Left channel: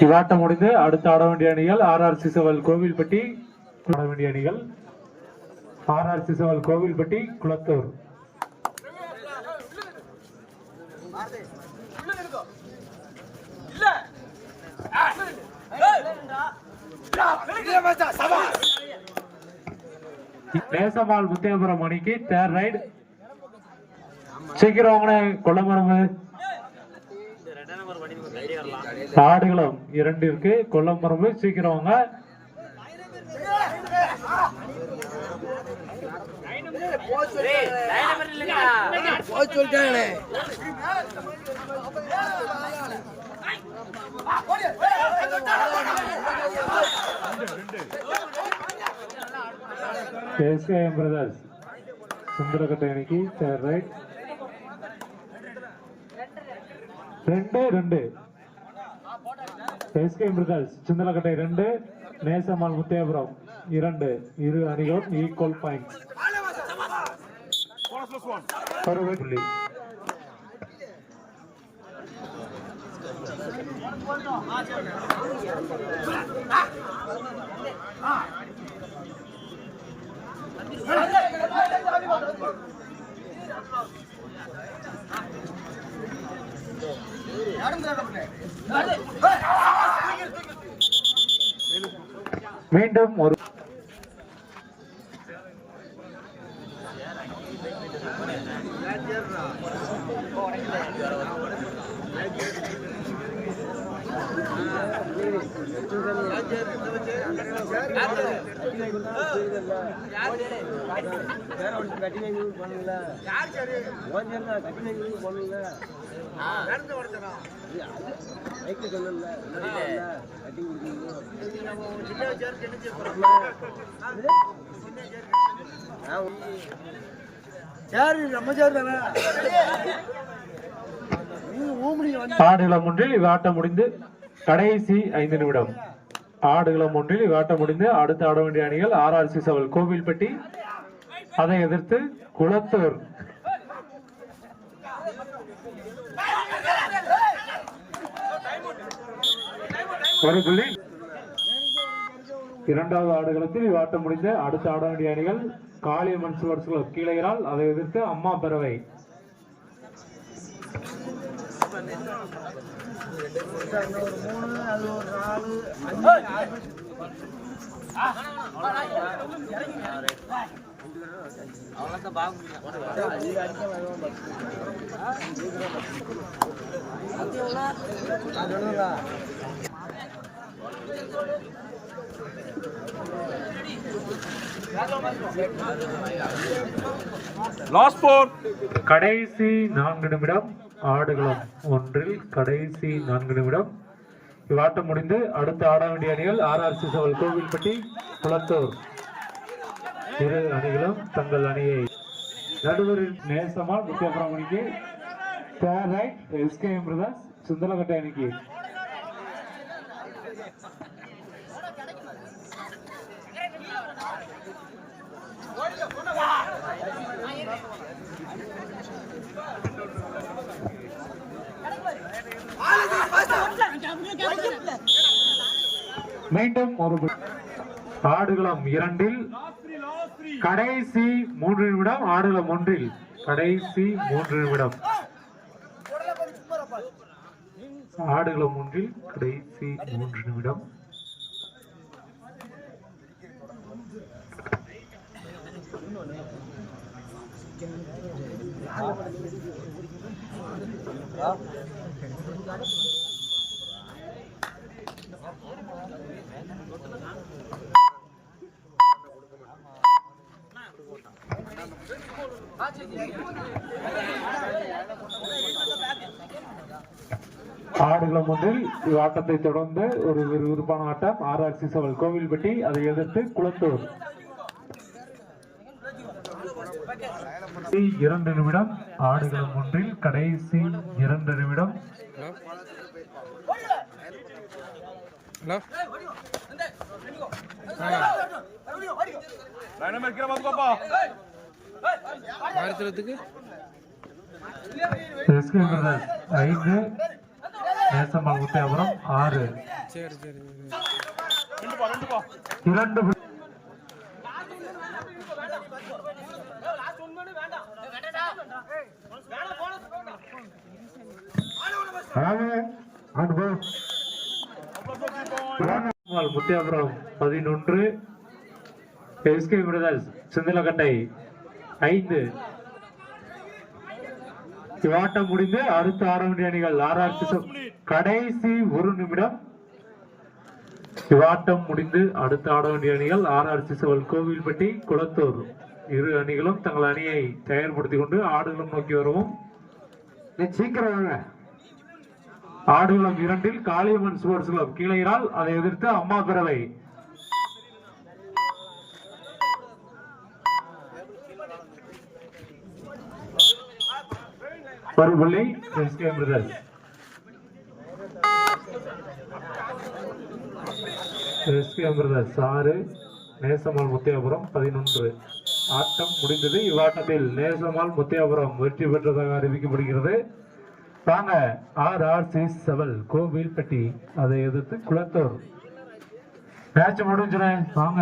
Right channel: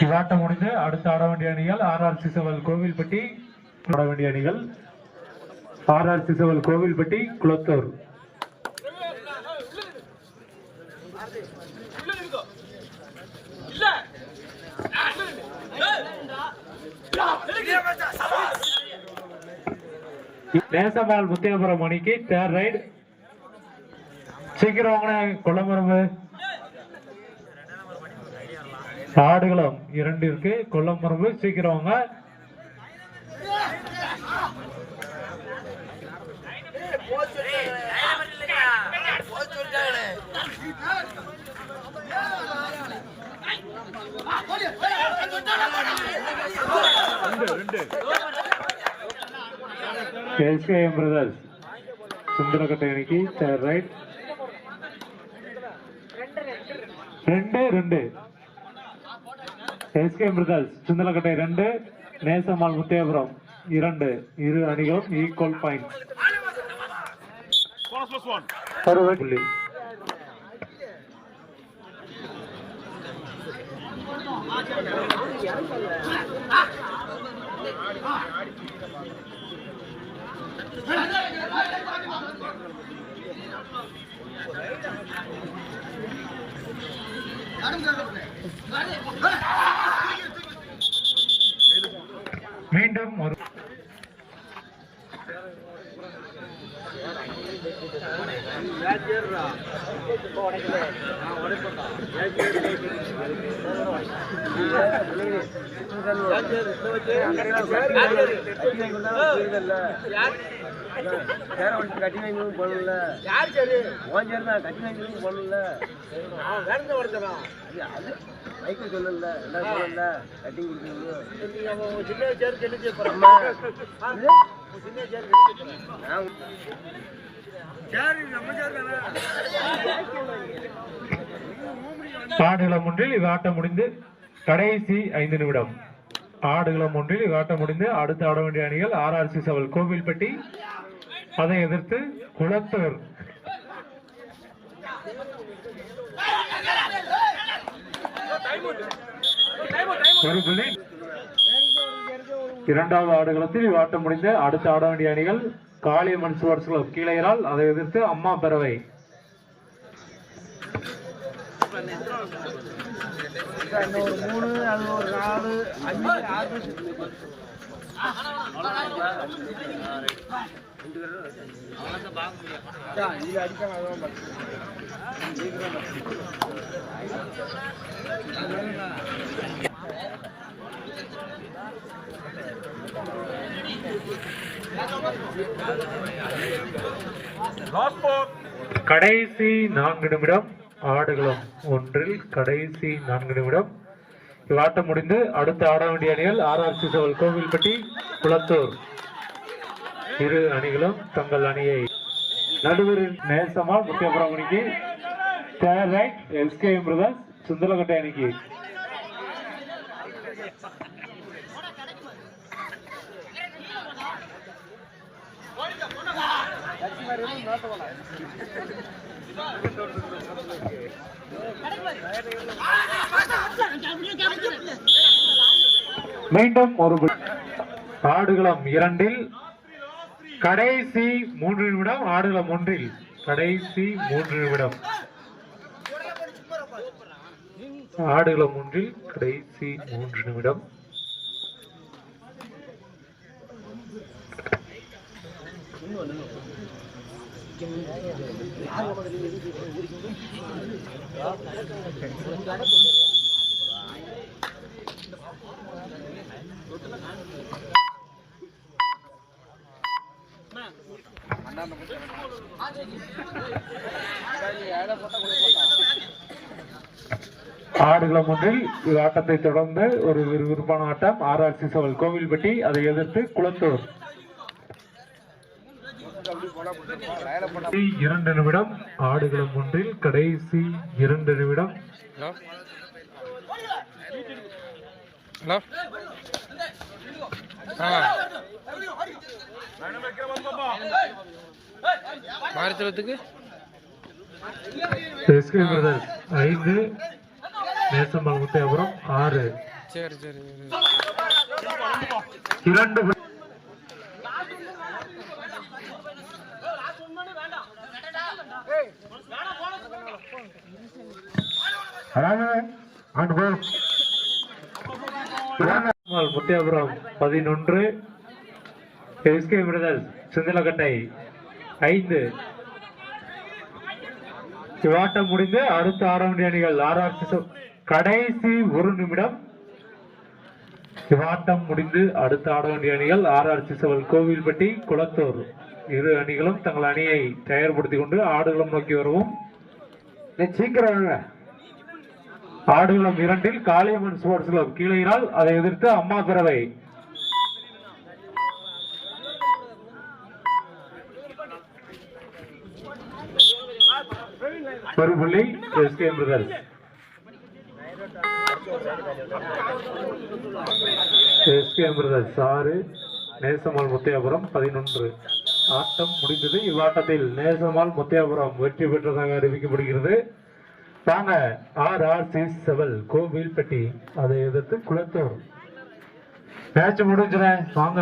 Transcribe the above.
இவ்வாட்டம் முடிந்து அடுத்து ஆட வேண்டிய அணிகள் ஆர்ஆர் சிசவல் கோவில்பட்டி. ஆட வேண்டிய அணிகள் ஆர்ஆர் சிசவல் கோவில்பட்டி, குளத்தூர். நேசமால் முத்தியபுரம் அணிக்கு தேர்ட் ரைட். சீக்கிரம் வாங்க கொல்லமரம்பு. ஆடுகளம் 2 இருக்கு, கொல்லமரம்பு. சீக்கிரம் வாங்க. SKM Brothers சுந்தரக்கட்டை அணிக்கு third right. 2-2. SKM Brothers Sundarakkattai 2, நேசமால் முத்தியாபுரம் 2. இரு அணிகளும் ஈக்குவல் பாயிண்ட். புள்ளி. மீண்டும் ஒரு கட்டி வாங்கி பண்ணல கட்டி வாங்கி பண்ணல மைக்கில் சொல்லல எல்லாரும் போனல கட்டி கொடுக்கணும். ஆடுகளம் ஒன்றில் இவ்வாட்டம் முடிந்து கடைசி 5 நிமிடம். ஆடுகளம் ஒன்றில் இவ்வாட்டம் முடிந்து அடுத்து ஆட வேண்டிய அணிகள் ஆர்ஆர் சிசவல் கோவில்பட்டி, அதை எதிர்த்து குளத்தூர். ஒரு புள்ளி. இரண்டாவது ஆடுகளத்தில் இவ்வாட்டம் முடிந்து அடுத்து ஆட வேண்டிய அணிகள் காளியம்மன் ஸ்போர்ட்ஸ் கிளப் கீழையரால், அதை எதிர்த்து அம்மா பேரவை. கடைசி 4 நிமிடம். ஆடுகளம் ஒன்றில் கடைசி 4 நிமிடம். இவ்வாட்டம் முடிந்து அடுத்து ஆட வேண்டிய அணிகள் ஆர்ஆர் சிசவல் கோவில்பட்டி, குளத்தூர். இரு அணிகளும் தங்கள் அணியை நடுவரில் நேசமா முத்தியபுரம் அணிக்கு third right. SKM Brothers Sundarakkattai அணிக்கு. மீண்டும் ஒரு ஆடுகளம் 2 கடைசி 3 நிமிடம். ஆடுகளம் 1 கடைசி 3 நிமிடம். ஆடுகளம் 1 கடைசி 3 நிமிடம். ஆடுகளம் 1 ஆட்டத்தை தொடர்ந்து ஒரு விறுவிறுப்பான ஆட்டம். ஆர்ஆர் சிசவல் கோவில்பட்டி, அதை எதிர்த்து குளத்தூர். 2 நிமிடம். ஆடுகளம் 1 கடைசி 2 நிமிடம். மாரித்தலத்துக்கு எஸ்கே பிரதர்ஸ் 5, நேசம்மாள் முத்தையாபுரம் 6. சரி சரி 2 முத்தையாபுரம் 11, எஸ்கே பிரதர்ஸ் சிந்தலக்கட்டை 5. இவ்வாட்டம் முடிந்து அடுத்த ஆடவேண்டிய அணிகள் RRC கடைசி 1 நிமிடம். இவ்வாட்டம் முடிந்து அடுத்த ஆடவேண்டிய அணிகள் RRC கோவில்பட்டி குளத்தூர். இரு அணிகளும் தங்கள் அணியை தயார்படுத்திக் கொண்டு ஆடுகளம் நோக்கி வருவோம். சீக்கிரம் வாங்க. ஆடுகளம் 2 காளியம்மன் ஸ்போர்ட்ஸ் கிளப் கீழையினால், அதை எதிர்த்து அம்மா பிறவை. ஒரு புள்ளி SK brothers. SK brothers 6, Nesammal Muthaiyapuram 11. ஆட்டம் முடிந்தது. இவ்வாட்டத்தில் நேசம்மாள் முத்தையாபுரம் வெற்றி பெற்றதாக அறிவிக்கப்படுகிறது. தாங்க RRC கோவில்பட்டி, அதை எதிர்த்து குளத்தூர். மேட்ச் முடிஞ்சுறேன் வாங்க.